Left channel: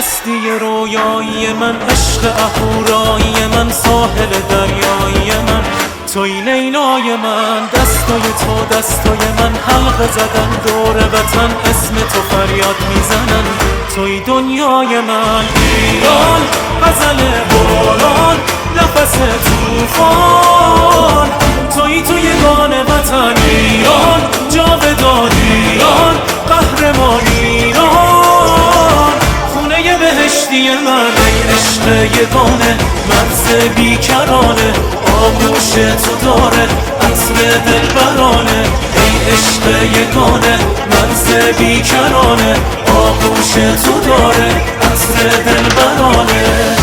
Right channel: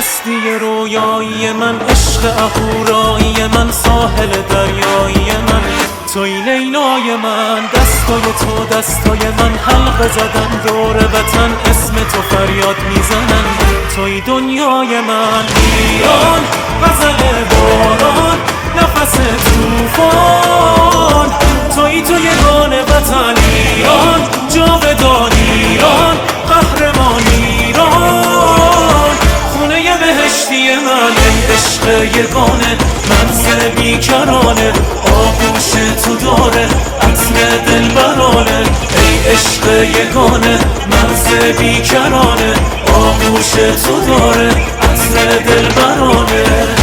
هستی رویایی من، عشق اهورایی من، ساحل دریایی من، توی لیلای من. دستای تو دستای من، حلقه زدن دور وطن، اسم تو فریاد میزنن، توی دنیای من. ایران غزل باران، نفس توفان، توی تو یگان وطن. ایران جاودان، ایران قهرمان، ایران خونه بهشتی من. ای عشق یگانه، مرز بیکرانه، آغوش تو داره عطر دلبرانه. ای عشق یگانه، مرز بیکرانه، آغوش تو داره عطر دلبرانه.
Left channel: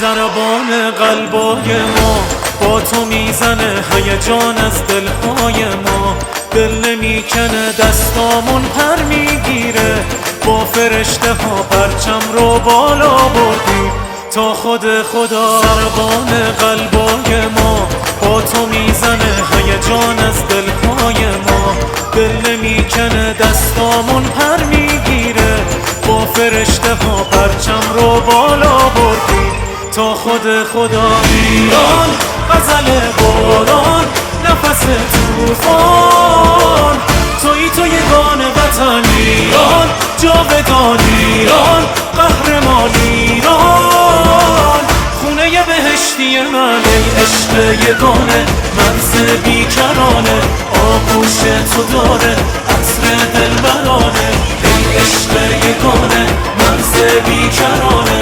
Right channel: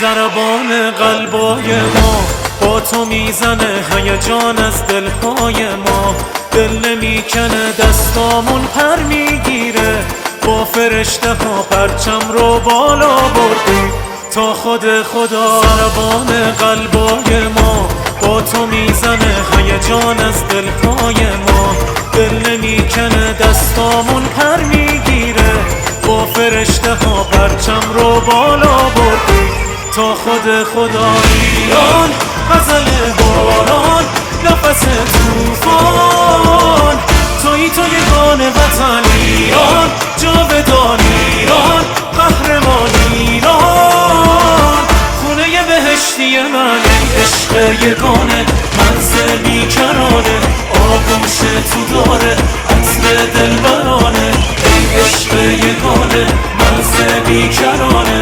ضربان قلبای ما با تو میزنه، هیجان از دلهای ما. دل نمیکنه، دستامون پر میگیره، با فرشته ها پرچم رو بالا بردیم تا خود خدا. ضربان قلبای ما با تو میزنه، هیجان از دلهای ما. دل نمیکنه، دستامون پر میگیره، با فرشته ها پرچم رو بالا بردیم تا خود خدا. ایران غزل باران، نفس توفان، توی تو یگان وطن. ایران جاودان، ایران قهرمان، ایران خونه بهشتی من. ای عشق یگانه، مرز بیکرانه، آغوش تو داره عطر دلبرانه. ای عشق یگانه، مرز بیکرانه،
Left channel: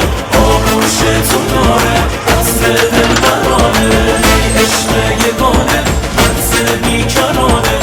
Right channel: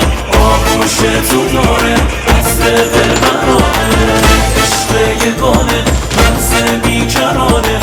آغوش تو داره عطر دلبرانه. ای عشق یگانه، مرز بیکرانه،